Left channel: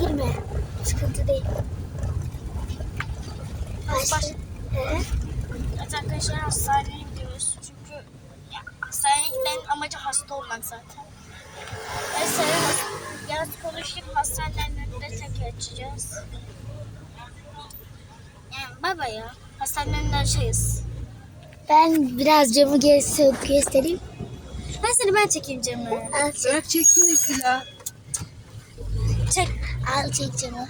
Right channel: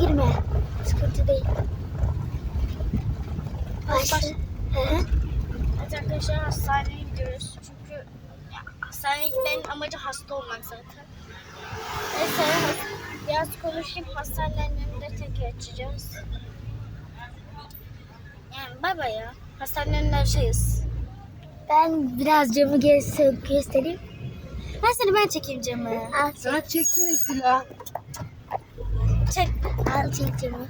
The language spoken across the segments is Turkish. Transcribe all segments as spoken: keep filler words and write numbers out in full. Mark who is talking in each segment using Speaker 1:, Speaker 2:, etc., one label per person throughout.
Speaker 1: girme. Sıkıntı değil. Başla.
Speaker 2: Evet arkadaşlar hastaneye gidiyoruz. Çünkü ya, hastaneye gitmenin amacı hasta olmak zaten. Neyse biraz konuşup hastanelerin önünde tek açacağız. Yani baba ya. Hastanenin önünde açacağız.
Speaker 1: Ben biraz camı gez- göstereyim.
Speaker 2: Ben seni ben çekeyim camı.
Speaker 1: Al çek.
Speaker 3: Bırak çeksin Esila.
Speaker 2: Çek.
Speaker 1: Al çek camı.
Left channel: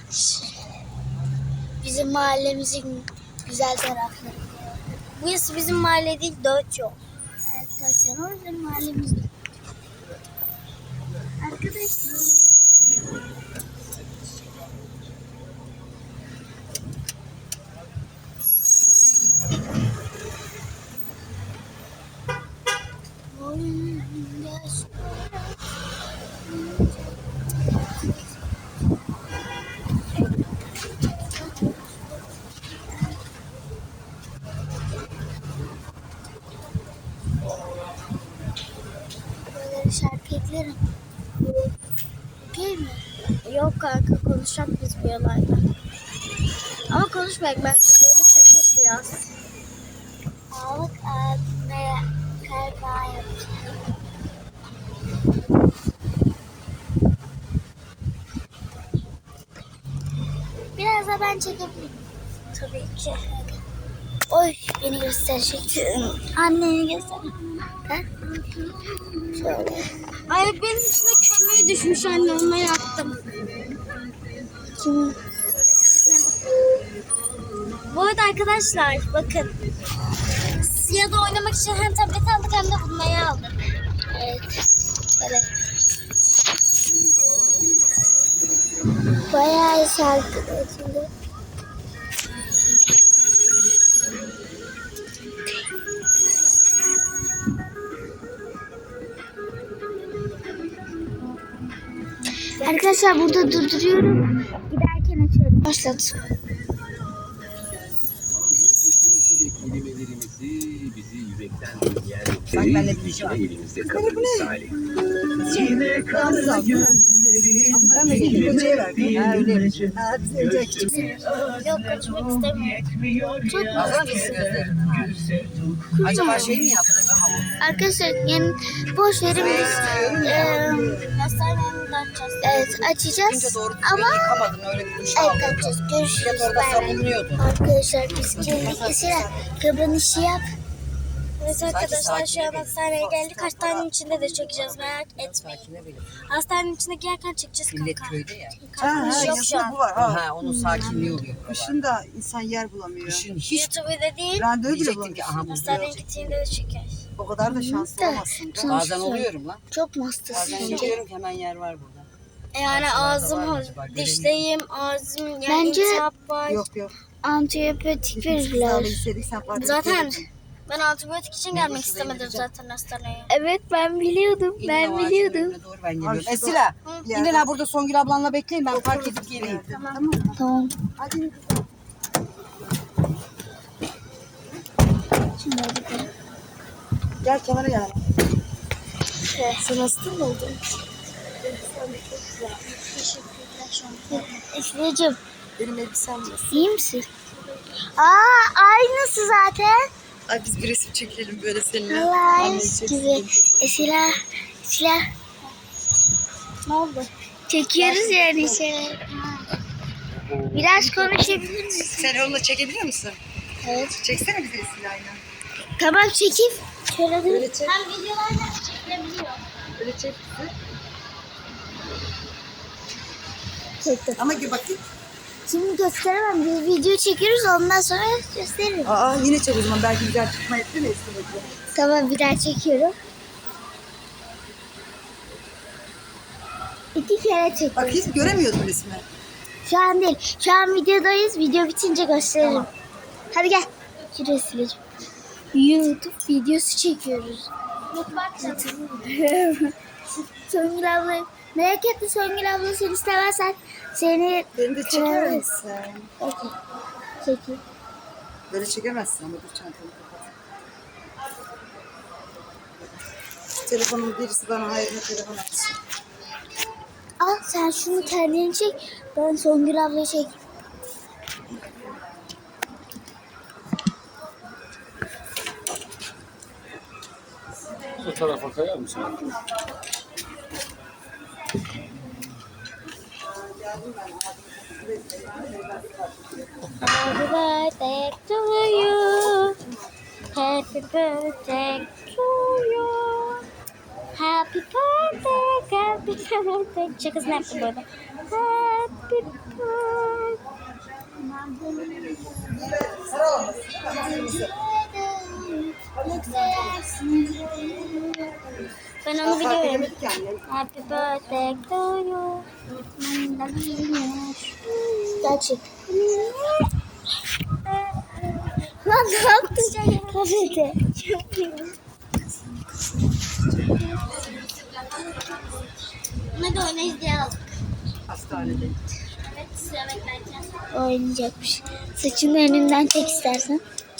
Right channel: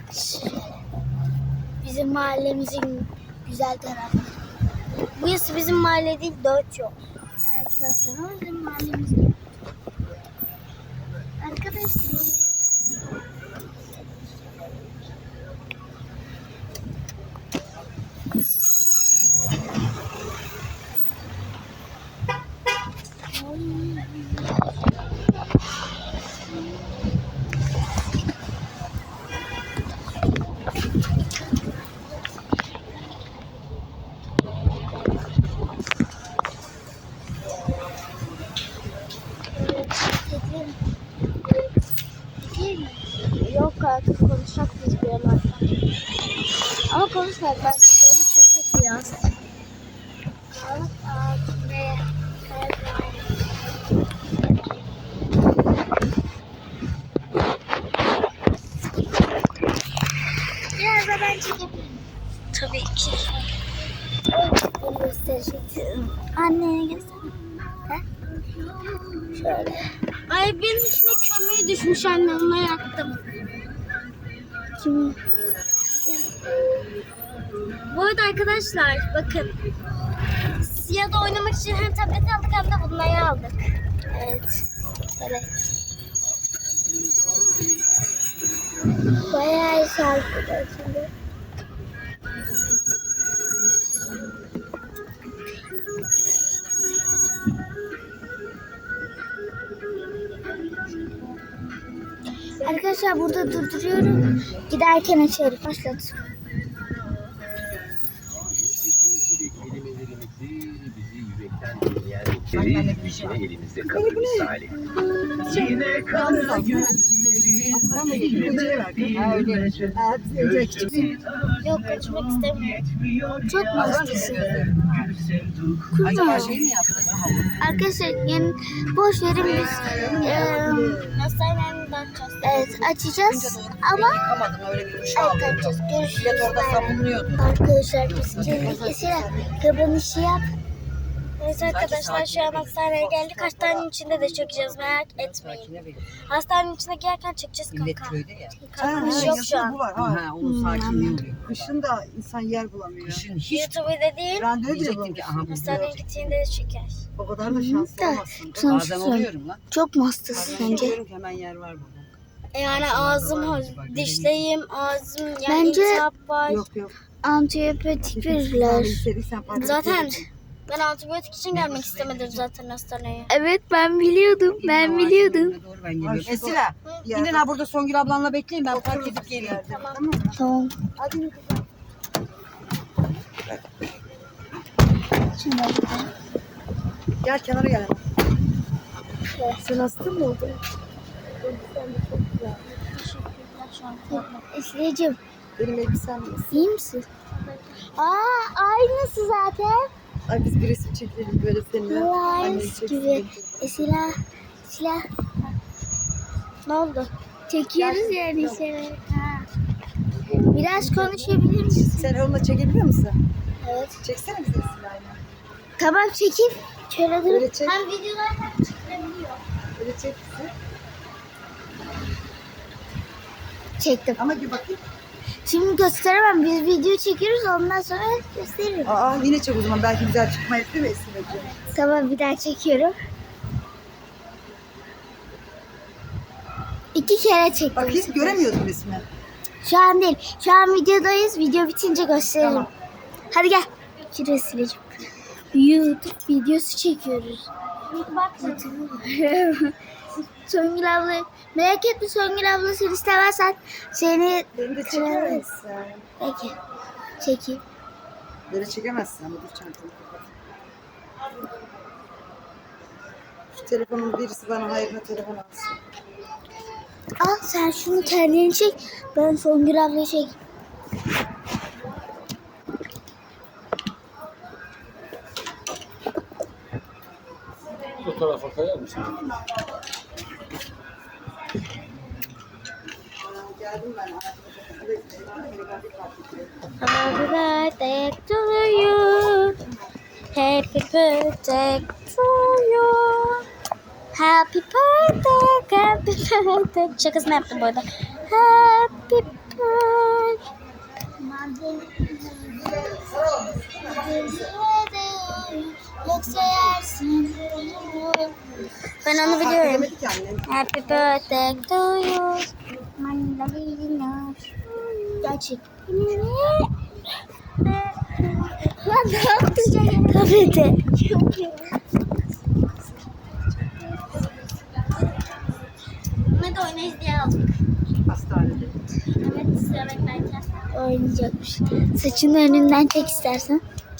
Speaker 1: Bizim mahallemizin güzel tarafı.
Speaker 2: Burası bizim mahalle değil, dört yol.
Speaker 1: Arkadaşlar o bizim mahallemiz değil. Arkadaşlar. Şarkılarım. Okey mi?
Speaker 2: Yok kanka konuşacak biz bir olayda. Ama konuşmayak ben yolu çekmek biraz.
Speaker 1: Sağlık adına kalbaya. Biraz da ben çekebilirim.
Speaker 2: Tabii ki.
Speaker 1: Oy beni gösterecek. Anneni göster. Ha? Şöyle.
Speaker 2: Ay benim içine kömür düşmüş anne onu yaktım.
Speaker 1: Kim?
Speaker 2: Bu arada arkadaşlar bakın. Siyah'da oynamak için hem tablet aldık hem de bunları aldık.
Speaker 1: Evet. Böyle. Bayağı şarkılar şimdi. Arkadaşlar burada durduruyorum. Giderken açarım. Başlat.
Speaker 4: Kelimelerimizi bizi yürekten dinleyen noktayı yine elimizde kalır misali. Yine kara gönüllerin
Speaker 3: Ben de gidip hocaya verdim. Ha öyle. Ha bize küçük.
Speaker 2: Yok konuşmak istemiyorum.
Speaker 1: Çok
Speaker 3: Bazen
Speaker 1: mutluyum.
Speaker 3: Acaba şey mi yaptın?
Speaker 1: Arkadaşlar yani boş verin biz eee
Speaker 2: Hastanenin önünde açacağız.
Speaker 1: evet açacağız ama
Speaker 3: Yıkamadım öyle bir duş
Speaker 1: evet
Speaker 3: aldım.
Speaker 1: açacağız. Görüşürüz.
Speaker 3: Millet orada
Speaker 1: Bay bay.
Speaker 3: sabunluyordu.
Speaker 1: Arkadaşlar biz geldik. Esra kapanışı yap.
Speaker 2: Evet arkadaşlar şu an
Speaker 3: sakine
Speaker 2: hastaneye
Speaker 3: benim.
Speaker 2: geldik. Hastanenin içinde de çekeceğiz merak etmeyin.
Speaker 3: Sakine benim.
Speaker 2: Hastanenin içine girerken çekeceğiz
Speaker 3: Millet
Speaker 2: kanka.
Speaker 3: köyde ya.
Speaker 2: Kapanış yok şu an.
Speaker 5: Bu var. Ha.
Speaker 3: Ha onun sakinliği oluyor.
Speaker 5: Kışın da insan yer bulamıyor.
Speaker 3: Kışın hiç
Speaker 2: YouTube'da değil.
Speaker 5: Randevu bile
Speaker 3: diyecektim ki
Speaker 5: bulamıyorsun.
Speaker 3: aha bu
Speaker 2: Hastaneye gittiğinde de çeker.
Speaker 5: O kadar da şanslı
Speaker 1: Da.
Speaker 5: olmazsın.
Speaker 1: Son-
Speaker 3: bazen oluyorum lan.
Speaker 1: Çok mu hastasın
Speaker 3: Bazen
Speaker 1: sence?
Speaker 3: oluyorum ki hemen yer var burada.
Speaker 2: Yani
Speaker 3: Hastalarda
Speaker 2: ağzım,
Speaker 3: var acaba,
Speaker 2: dişleyim, ağzım, yani
Speaker 1: Bence-
Speaker 2: iltihap var.
Speaker 5: Yok yok.
Speaker 1: Antibiyotik
Speaker 5: Hiç
Speaker 1: verirler.
Speaker 5: sağlığı istedik, sen fark
Speaker 2: Zaten
Speaker 5: etmedin.
Speaker 2: ben antibiyotik için gelmek istemedim zaten hastaneye.
Speaker 1: Evet ben biliyordum.
Speaker 3: İlle
Speaker 1: Ben
Speaker 3: o ağacın
Speaker 1: biliyordum.
Speaker 3: önüne Doğru ben geliyorum.
Speaker 5: Ay, şu
Speaker 3: Esila
Speaker 5: Yerde-
Speaker 3: inin ha burada Songül ablanla bekleyin ben park edip
Speaker 5: Bir
Speaker 3: geleyim.
Speaker 5: yerde. Tamam mı?
Speaker 1: Tamam.
Speaker 5: Hadi yürü kızım.
Speaker 1: Şimdi bakalım.
Speaker 5: Gel kenara gel. Sen hasta mı oldun?
Speaker 1: Esra'cığım
Speaker 5: Benim elbisem var.
Speaker 1: iyi misin? Aa aynısı zaten.
Speaker 5: Ay biz bir resim çekelim böyle seninle.
Speaker 1: Allah
Speaker 5: Anneyi
Speaker 1: gibi.
Speaker 5: çeksin.
Speaker 1: Esra, Esra.
Speaker 2: Ne oldu?
Speaker 1: Çekiyoruz yani şeyler. Biraz konuşabilir misin?
Speaker 5: Sen onunla çekebiliyor musun?
Speaker 1: Evet.
Speaker 5: Çeksene bize Esra'yla.
Speaker 1: Tamam çekeyim. Şöyle dur.
Speaker 5: Öyle çek.
Speaker 2: Ben videolarla çekilebiliyor.
Speaker 5: Öyle çek bizi.
Speaker 1: Çektim.
Speaker 5: Ama gir bakayım.
Speaker 1: Şimdi gösteremem. Biz video çekiyoruz ondan sonra gösteririm.
Speaker 5: Aa yine çek o zaman. Belki güzel çıkma etti mi Esra'cığım?
Speaker 1: Tamam bir daha çekiyorum. İki kere çektim.
Speaker 5: Bak hiç göremiyordum resmi.
Speaker 1: Şu an değil. Şu an videodayız. Video bitince gösteririm.
Speaker 5: Tamam.
Speaker 1: Hadi gel. Şuraya sileceğim. YouTube videosu çekiyoruz.
Speaker 2: YouTube
Speaker 1: Songül abla. Merak etme Songül abla seni istemezsen seni
Speaker 5: Beni de çeker misin?
Speaker 1: peki çekeyim.
Speaker 5: Böyle çekemezsin ama dur çantamı kapat. Telefonun birisi bana hayırlı telefon alsın.
Speaker 1: Al sen şunu kendini çek. Ben Songül ablayı çek.
Speaker 6: Bu tarafa kayar mısın?
Speaker 1: Happy birthday to you. Happy birthday to you. Happy birthday, happy birthday. Şakasını yaptım bu arada. Happy birthday. Yoksa yersin. Ben onu biliyorum.
Speaker 5: Yemedik ki annem.
Speaker 1: Happy birthday to you. Mandalina. Gerçek. Lan ne yaptın? Kafede.
Speaker 2: Buna da oynayız diye aldık.
Speaker 5: Hastanede.
Speaker 2: Evet, sıra beklerken.
Speaker 1: Oynayacakmış. Saçını önünden çek istersen.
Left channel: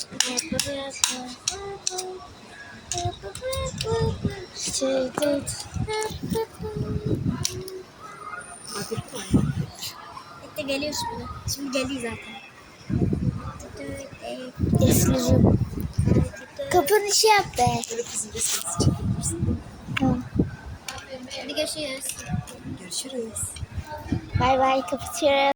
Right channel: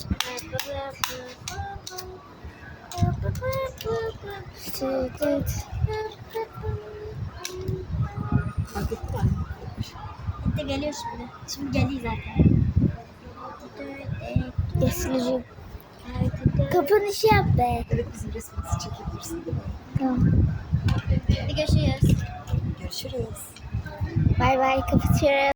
Speaker 2: Bitti, geliyor şimdi. Şimdi geliyor zaten.
Speaker 1: Esleyeceğim. Kapanışı yap be.
Speaker 5: Evet bizim resmimizi çekebilirsin değil mi?
Speaker 1: Tamam.
Speaker 2: Hadi görüşürüz.
Speaker 5: Görüşürüz.
Speaker 1: Bay bay, kapatıyorum.